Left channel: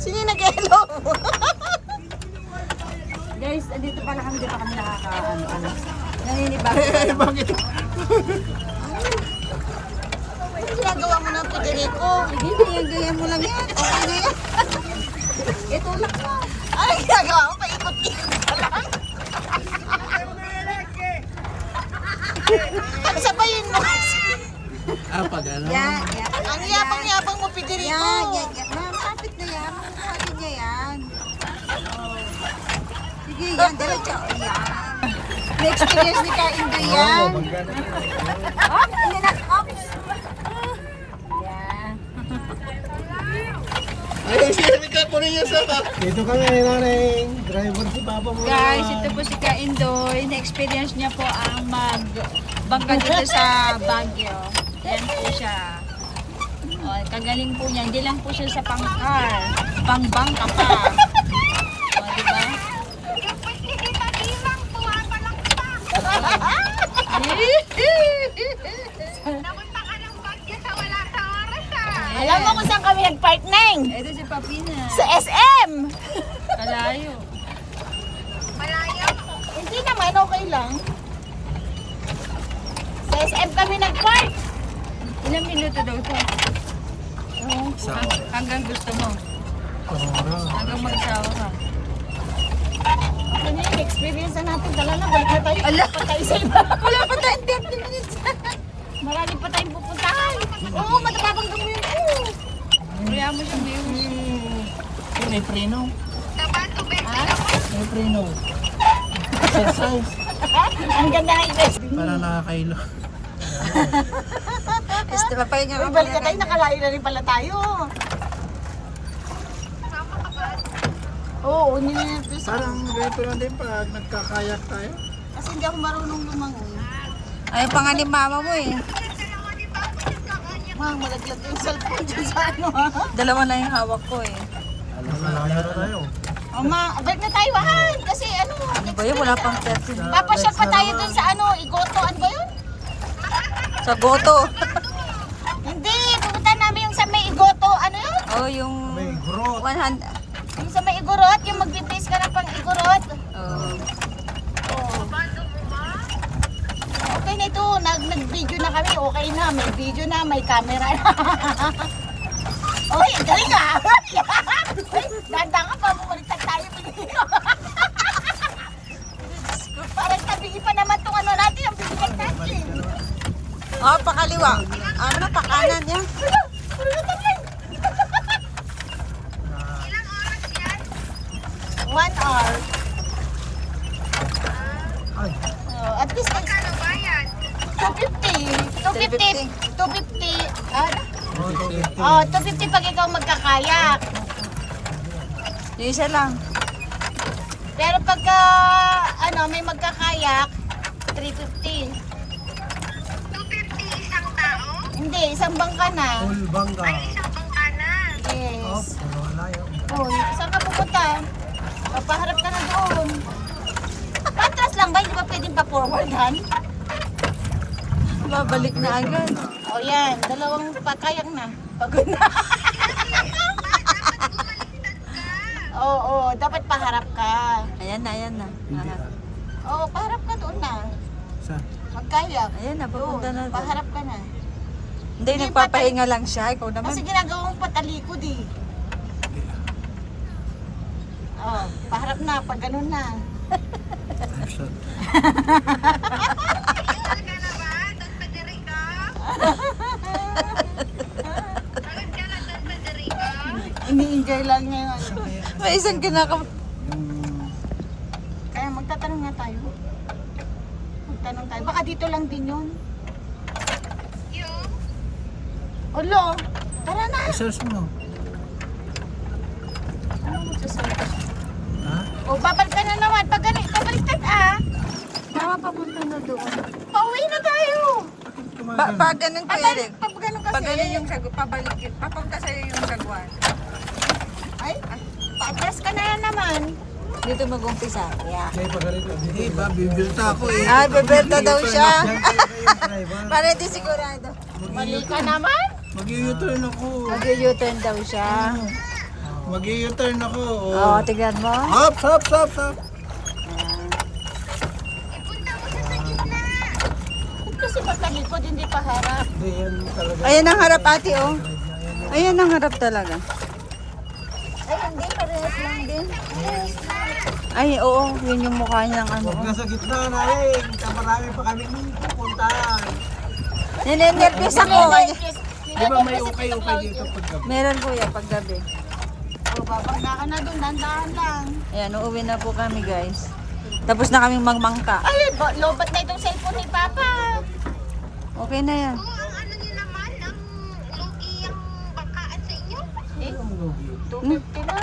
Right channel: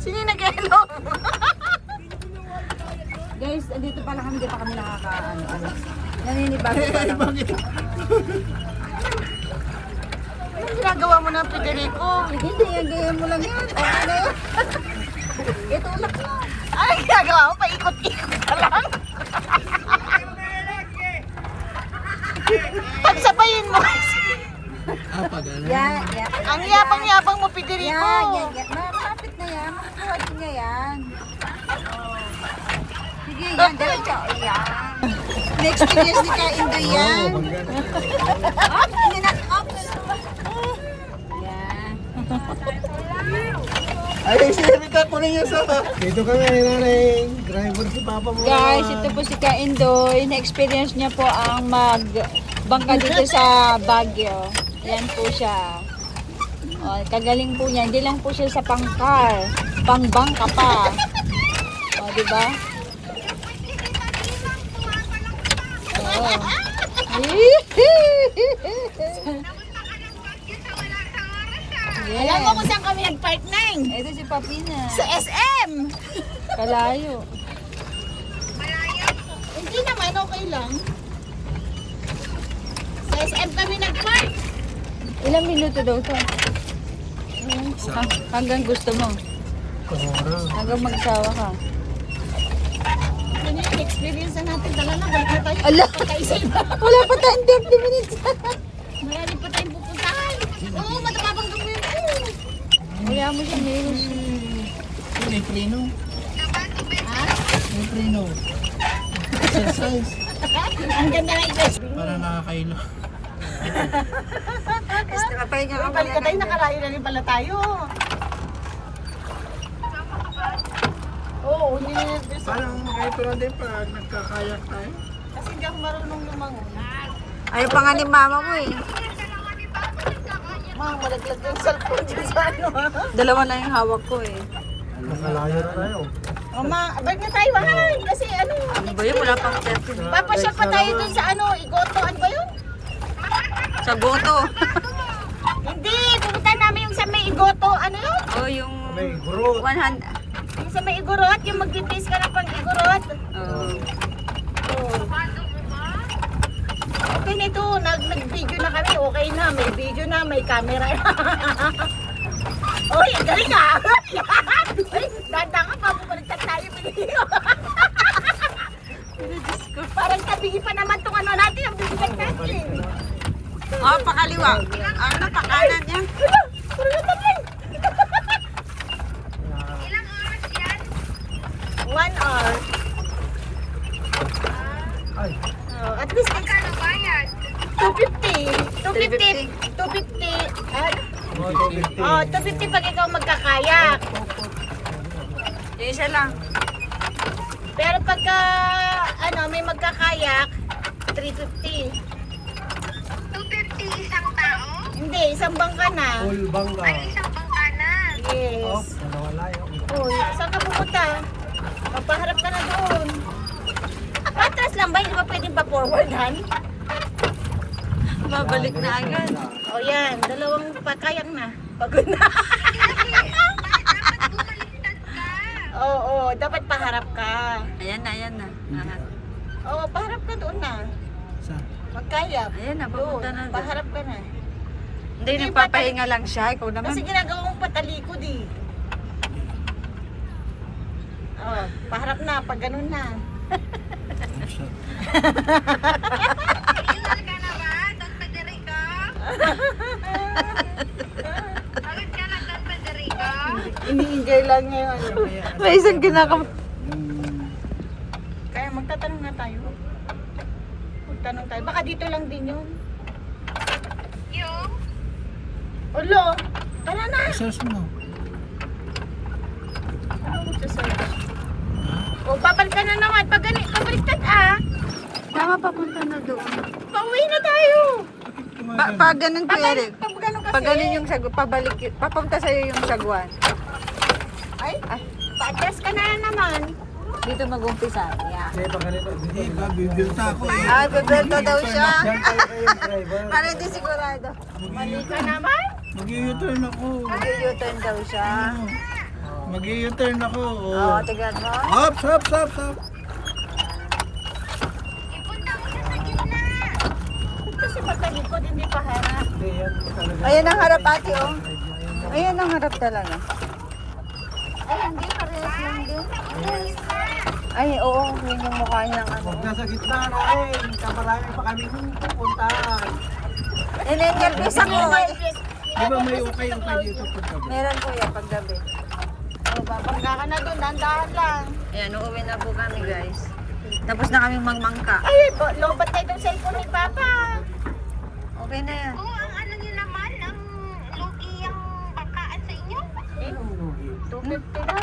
Sino yung nag-hello? Guys, dito pala kami dito kami nakaka-ano. Naninibago. Bakit? Ano ginagawa mo ng Federico? Hindi, gaya mo lang yan. Okay. Ito unak mo. Ano ginagawa mo? Paikot-ikot ka lang. Pagsabayin mo kasi. Pag ano? Yan. Ang yapang-yapang mo, Federico. Yan. Malapit na yan. Pwede niya yan. Sige, yan. Diretso. Yan. Next years ni Ka-Indoy yan. Up! Hindi na. Up! Yan. Ay, si Erika, kunin niyo sa ba? Dito ka nga, nanay. Driver si Papa mo. Guys, ito po si Ka-Indoy. Na-experience niya po ang magbangka dito sa Baguio. Ayan po siya. Oh, kagaling po niya. Hindi lang po siya sa pang-car. Pang-bangka pa. Oh, diba? Alam mo kung saan kami nag-park, Neng? Ito si Papina. Sa SM. Kalayo. Hindi naman, okay lang. Sa SM kami nag-park. Ilang minuto daw ito? Hanggang gusto mo. Hanggang magsawa ka. Ano yung experience na natin? Tala na, balik na tayo. Ala! Pa tayo sa iba. Wala pa tayong 30 minutes. Marami pa tayong pupuntahan. Oo, matapabang mo yun. Wala mo siya ngayon. May preno. Ha? May preno. Exercise. Ang ganda ng ibig. Para nakakailo. Gusto papahinga ka Balik na tayo, nakalayo na rin pala tayo. Oo, nililipas. Parang repo lang din pag nagkakayak tayo. Kasi hindi ako marunong lumangon. Ayaw pa nga ni mama mo eh. Mang, malaglag yung cellphone dyan sa ano ha? Dalawa na yung hawak ko eh. Malayo tayo. O ma, balik na tayo Han. Kasi ano, Ano ba yun? Wala pang 30 minutes. papasyal pa tayo dun sa ano, Igoto. Ano ba yun? Sa goto. Hindi, pupunta namin yung sa may Igoto. Ano yun? Oh, yung May growth. 100. Yung sa may Igorot, yung mag-taste ka na pang Igorot. Oh. Oh. Okay na ito, nag-video na kami. Okay na, may video na, may camera na. Uy, galing ka! Uy, danda ka pa, bumaliktad tayo. Diyos ko, parang tabigi pa naman tong ano natin, ang bibigat natin. Oh, pakaliwa. Ano, pakanan yan. Wala, puro na tabi. 1 hour. Ay. Oh, at least next 250. 250. Ano? Oh, 250 pag ikaw magkakayak. Yung isa lang. Pero pagka ano, may magkakayak, 350. 250 isang tao? Hindi, isang bangka na. Full bangga. Ay, isang bangkanan. Yes. Malayo. Uy, saan ka pupunta? Papaharap ka na doon. Patras lang ba? Hindi ba pwedeng pa-forward, Han? Mabalik na agad. O yan, dalawang pakayak na. Pagod na. Oo, dapat paharap ka. Ayan na. Oo, paharap ka doon na. Sa? Magkayak. Ayan na, papunta na doon. Paharap ka na. Hindi, nagpapahinga lang siya. Ikaw naman. Kasi ginagawang patalikod eh. Oh, paharap na, pag ganun na. Ilan ka na ba? Don Federico? Pagod ka na, Don Federico? Ini-enjoy lang niya yung ano. May isang ginakam. Kaya magtatanong na tayo. Magtanong tayo. Baka dito lang din yun. Yung? Olo, tara na. Search mo. Ano magsasabi? Ha? O, babalik ka na naman. Pag ganit, pabaliktad ah. Tama, papunta na doon. Pauwi na tayo. Pag ganun ko Eric. Pag ganun kasi. Pag ganun yung sagwan, pabalik, papunta sa'yo yung sagwan. Ay, pa-adjust ka na naman. Dito mag-umpisa. Yeah. Hindi ba? Bibilta ako eh. Ay, bibenta daw siya. Yan kayo kayo, driver. Para di sigurado. Mali ka naman. Mag-u-turn ako. Mag-u-turn daw siya. Mag-i-turn ako. Oh, tignan mo. Hop, hop, hop, hop. Ipunta mo siya sa gitna. Kasi pagkalikod, hindi pa harap. Ayan talaga. Ayan ang harap ate, oh. Ayan ang harap talaga. Ay, hindi, parehas lang din. Yes. Ay, oo, yun yung mukha niya. Huwag na sa gitna namin. Marami pa kami pupuntahan. Ninenervyos ako. Di ba may ukay-ukay dito paggabi? Meron po yung paggabi. O, babangga ka na dun, dandahan lang. Ayan, uuwi na po kami guys. Tapos na kaming magmangka. Ay, lobat na itong cellphone ni Papa. Okay na yan. Oo, ang ano niyo naman, ang lugi ang bakaan sa inyo. Eh, 250 na.